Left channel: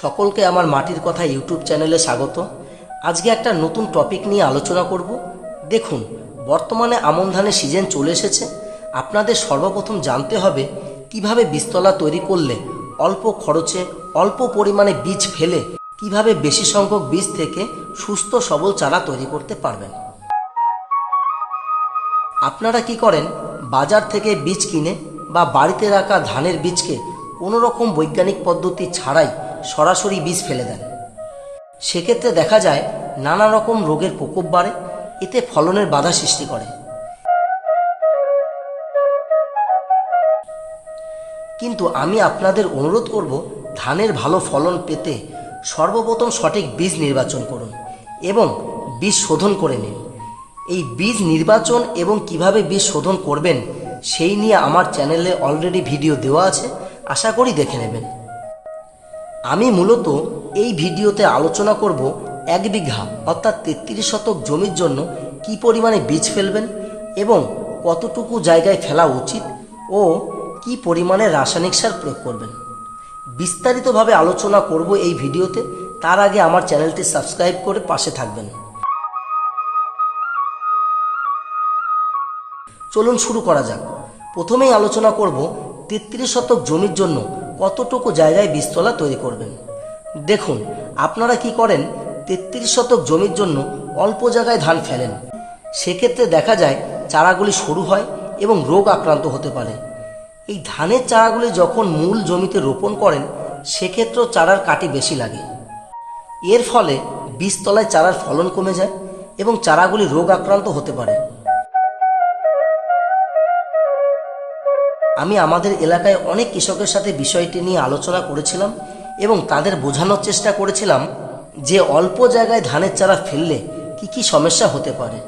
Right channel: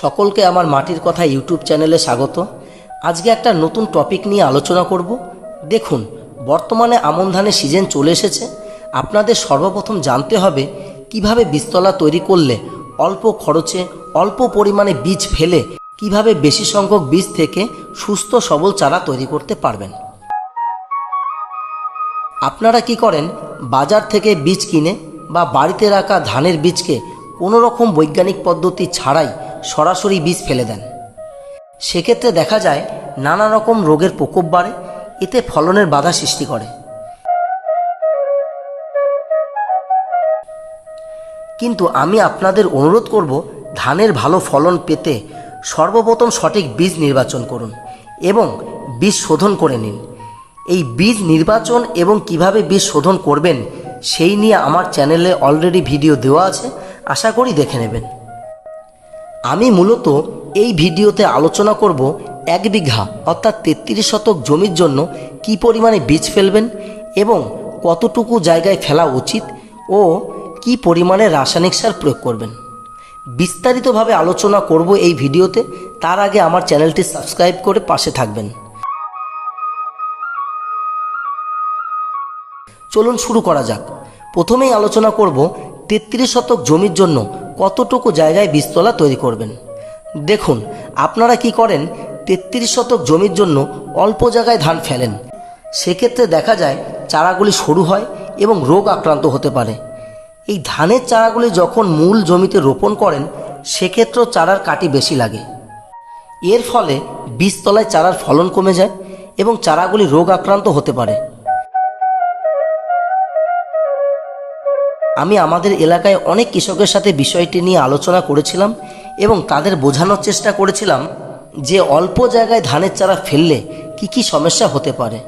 সকলকে আমার মাটির কথা ইউটিউব চ্যানেলে স্বাগত। আজকে একটা নতুন টপিক নিয়ে আলোচনা করব। দেখুন, বর্তমানে আমন ধানের সিজন চলে এসেছে। আপনাদের সর্বপ্রথম জানতে হবে, কীভাবে বীজতলা তৈরি করলে অল্প খরচে, অল্প পরিমাণে বীজ ফেলে কীভাবে বেশি সংখ্যক বীজ থেকে সুস্থ সবল চারা তৈরি করতে পারবেন। আপনারা কি করেন, বাজার থেকে বীজ কিনে বা বাড়িতে রাখা ধানের বীজকে কোনো রকম বৈজ্ঞানিক পদ্ধতি ছাড়াই সরাসরি বীজ ফেলে দেন। সেক্ষেত্রে দেখা যায় নানা রকম রোগের প্রকোপ বাড়ে, এতে ফলনের বাধা সৃষ্টি করে। কিন্তু আমি আপনাদের অনুরোধ করব, ধানের ভালো ফলন পেতে সর্বপ্রথম সঠিক বীজ নির্বাচন করুন এবং বীজ শোধন করে নিন। এই বীজ নির্বাচন এবং কীভাবে বীজ শোধন করবেন, সেই নিয়ে আমার চ্যানেলে অলরেডি ভিডিও দেওয়া আছে, আশা করি দেখে নেবেন। আমি মূলত এই ভিডিওতে আলোচনা করব এক বিঘা, অর্থাৎ তেত্রিশ শতক জমির জন্য কি পরিমাণে বীজ ফেলবেন এবং কতটুকু জায়গায় ফেলা উচিত ও কি পরিমাণে রাসায়নিক সার প্রয়োগ করবেন। বিস্তারিতভাবে আলোচনা করব এই ভিডিওতে, তার আগে আমার চ্যানেলটি সাবস্ক্রাইব করে পাশে থাকবেন। চলুন শুরু করা যাক। প্রথমেই আলোচনা করব তেত্রিশ শতক জমির জন্য কতটুকু জায়গায় বীজতলা তৈরি করবেন? দেখুন, আপনারা কি করেন? তেত্রিশ শতক জমির জন্য অল্প জায়গায় ধান ফেলেন। সেক্ষেত্রে দেখা যায় চারাগুলি সরু হয় এবং রোগ আক্রান্ত হতে পারে। এই ধানের চারাগুলি যখন মূল জমিতে রোপণ করেন, সেক্ষেত্রেও চারার কাটি বেশি লাগে। এর ফলে বীজতলায় চারার ফলন কমে যায় এবং চারাগুলি রোগ আক্রান্ত হতে পারে। আমি আমাদের এলাকায় অনেক কৃষকের সাথে বিষয়টি নিয়ে আলোচনা করেছিলাম এবং তাদের বোঝানোর চেষ্টা করেছিলাম যে অল্প জায়গায় ধানের চারা ফেললে কি কি সমস্যা হতে পারে।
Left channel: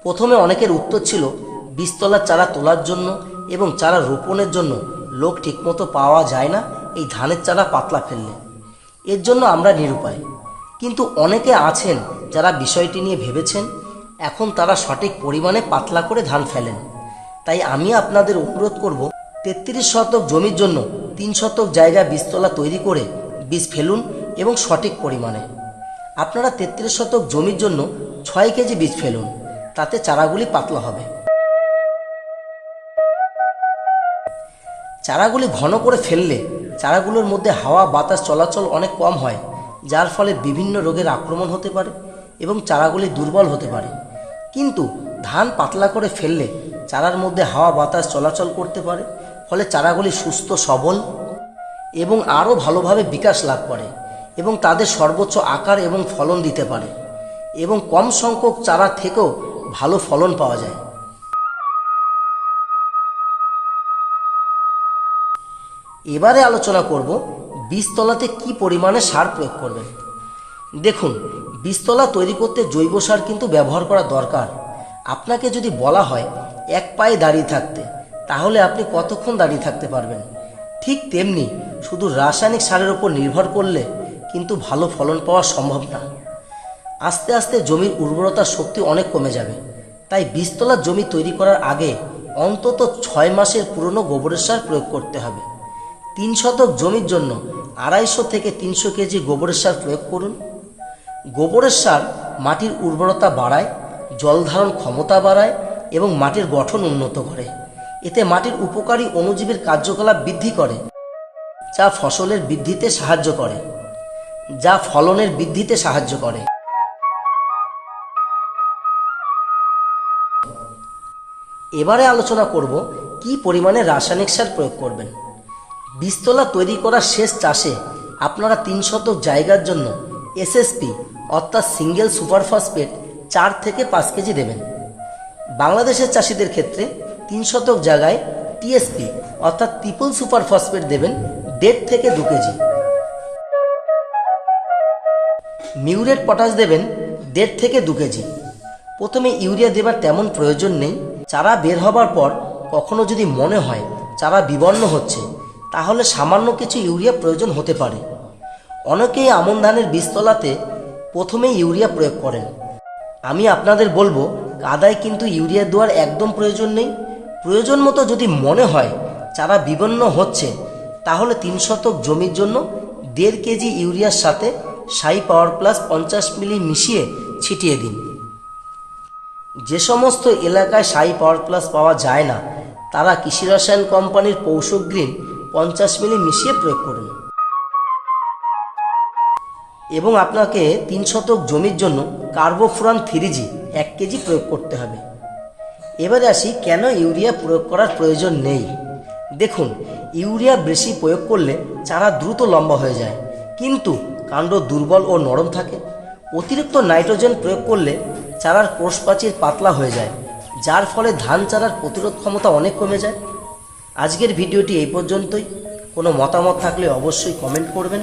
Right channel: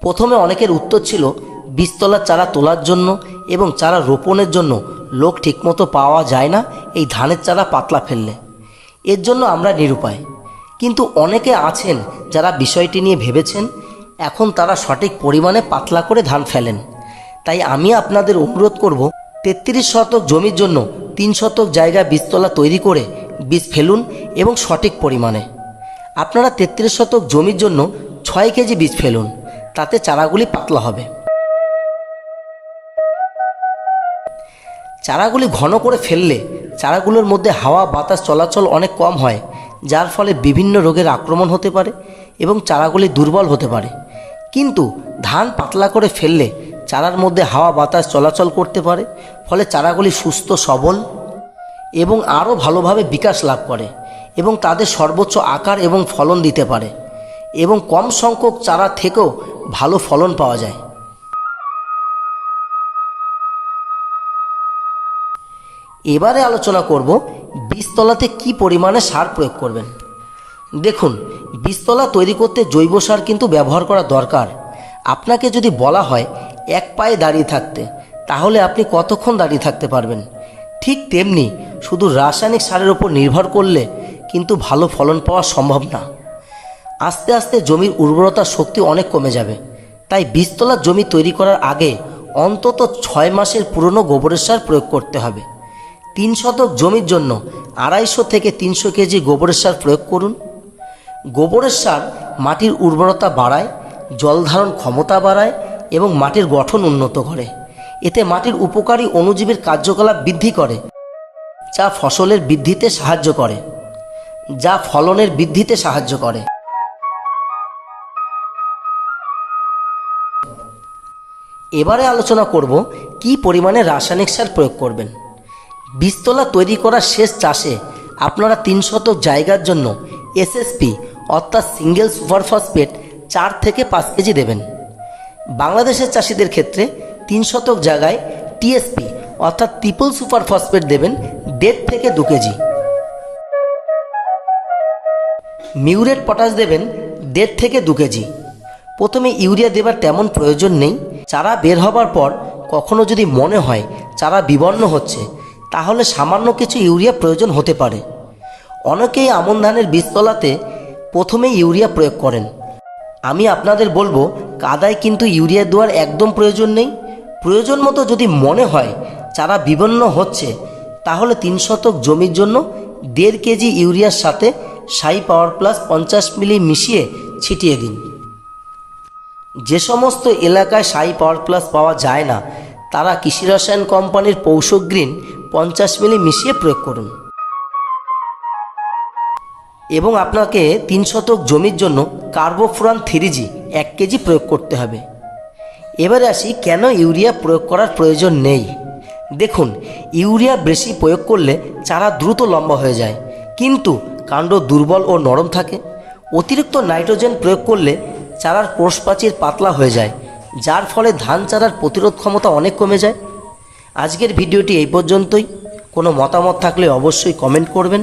প্রথমে অনেকের উত্তর ছিল বীজতলার চারা তোলার জন্য এবং চারা রোপণের জন্য লোক ঠিকমতো পাওয়া যায় না এই ধানের চারা পাতলা ফেললে। এর জন্য আমরা নিরুপায়। কিন্তু অনেকে আছেন যারা বিষয়টি নিয়ে ভেবেছেন, এখন তারা সঠিক পরিমাণে পাতলা করে ধান ফেলেন। তাই আমি আপনাদের অনুরোধ করব তেত্রিশ শতক জমির জন্য তিন শতক জায়গা বীজতলা তৈরি করে বীজ ফেলুন এবং সঠিক পরিমাণে। আপনারা তেত্রিশ শতক জমির জন্য ছয় কেজি বীজ ফেলুন, তাতে চারাগুলি পাতলা হবে। চারাগুলি ঘন করে ফেললে চারাগুলোর মধ্যে হাওয়া বাতাস চলাচল অনেক কম হয়, যার ফলে বিভিন্ন রোগের আক্রমণ হতে পারে এবং চারাগুলি দুর্বল হতে পারে। কিন্তু ধান পাতলা করে ফেললে চারার মধ্যে হাওয়া বাতাস চলাচল করতে পারে, ফলে চারাগুলি সুস্থ, সবল এবং আরও ভালোভাবে বিকাশ লাভ করে এবং তাদের সর্বোচ্চ আকার এবং ফলন দিতে পারে এবং কম সংখ্যক চারা থেকেও ভালো ফলন পাওয়া যায়। এবারে আলোচনা করব বীজতলাতে কি পরিমাণে সার প্রয়োগ করবেন। দেখুন, বীজতলা তৈরি করতে জৈব সার কিন্তু ব্যবহার করা দরকার। আপনাকে যদি বলা হয় এক পায়ে দাঁড়িয়ে থাকতে। তাহলে আপনি কতক্ষণ দাঁড়িয়ে থাকতে পারবেন? ঠিক তেমনি শুধু রাসায়নিক সারের ওপর নির্ভর করলে কিন্তু ভালো ফলন পাওয়া সম্ভব না। আস্তে আস্তে জমির উর্বরতা শক্তি অনেক কমে যাবে। তাই বীজতলার জমি তৈরি করার আগে অন্তত ছয় মাসের পুরনো গোবরের সার প্রয়োগ করতে হবে। তিন শতক জমির জন্য আড়াইশো থেকে তিনশো কেজি গোবরের সার প্রয়োগ করুন। গোবরের সার মাটির উর্বরতা বাড়ায়, জল ধারণ ক্ষমতা বাড়ায় এবং মাটির গঠন উন্নত করে। এতে মাটির উপকারী অণুজীবের কার্যকলাপ বৃদ্ধি করে, যা ফসলের বৃদ্ধিতে সাহায্য করে, যা ফলনের বৃদ্ধিতে সাহায্য করে। এবারে আলোচনা করব কি পরিমাণে রাসায়নিক সার প্রয়োগ করবেন। বীজতলা তৈরি করার শেষ চাষে আপনারা তিন শতক জায়গার জন্য এসএসপি অর্থাৎ সিঙ্গেল সুপার ফসফেট চার থেকে পাঁচ কেজি দেবেন। বাংলাদেশের চাষিদের ক্ষেত্রে তিন শতক জায়গায় টিএসপি অর্থাৎ ট্রিপল সুপার ফসফেট দেবেন দেড় থেকে দু কেজি। মিউরেট পটাশ দেবেন দেড় থেকে দু কেজি। প্রথমে ইউরিয়া দেবার তেমন প্রয়োজন নেই। চারা বের হবার পর কখনো যদি মনে হয় চারা বিবর্ণ হচ্ছে, তাহলে সামান্য কিছু ইউরিয়া প্রয়োজন হতে পারে। অনেকেই আমন ধানের বীজতলাতে প্রথমে ইউরিয়া প্রয়োগ করেন। আমি আপনাদের বলব, কাদায় কিন্তু ইউরিয়া দেওয়ার একদম প্রয়োজন নেই। প্রয়োজন মতো যদি মনে হয় চারা বিবন্ন হচ্ছে, তাহলে তিন শতক জমির জন্য দেড় কেজি ইউরিয়ার সাথে সাই পাওয়ার প্লাস পঞ্চাশ মিলি মিশিয়ে ছিটিয়ে দিন। যে সমস্ত এলাকায় সাই পাওয়ার প্লাস পাওয়া যায় না, তারা কৃষি রসায়ন কোম্পানির পৌষক গ্রিন পঞ্চাশ মিলি মিশিয়ে প্রয়োগ করুন। এবং আপনাকে তিন শতক জমির জন্য কার্বোফুরান থ্রিজি এক কেজি প্রয়োগ করতে হবে। এবারে আসি, কেন ইউরিয়া প্রয়োগ করার প্রয়োজন নেই? দেখুন, ইউরিয়া বেশি প্রয়োগ করলে চারা দ্রুত লম্বা হয়ে যায়। কিন্তু কাণ্ড দুর্বল ও নরম থাকে। অতিরিক্ত নাইট্রোজেন প্রয়োগ করলে চারার কোষপ্রাচীর পাতলা হয়ে যায়, যার ফলে ধান চারার প্রতিরোধ ক্ষমতা অনেক কমে যায়। আজকের ভিডিওটি এই পর্যন্তই। কোনো মতামত থাকলে অবশ্যই কমেন্ট করবেন।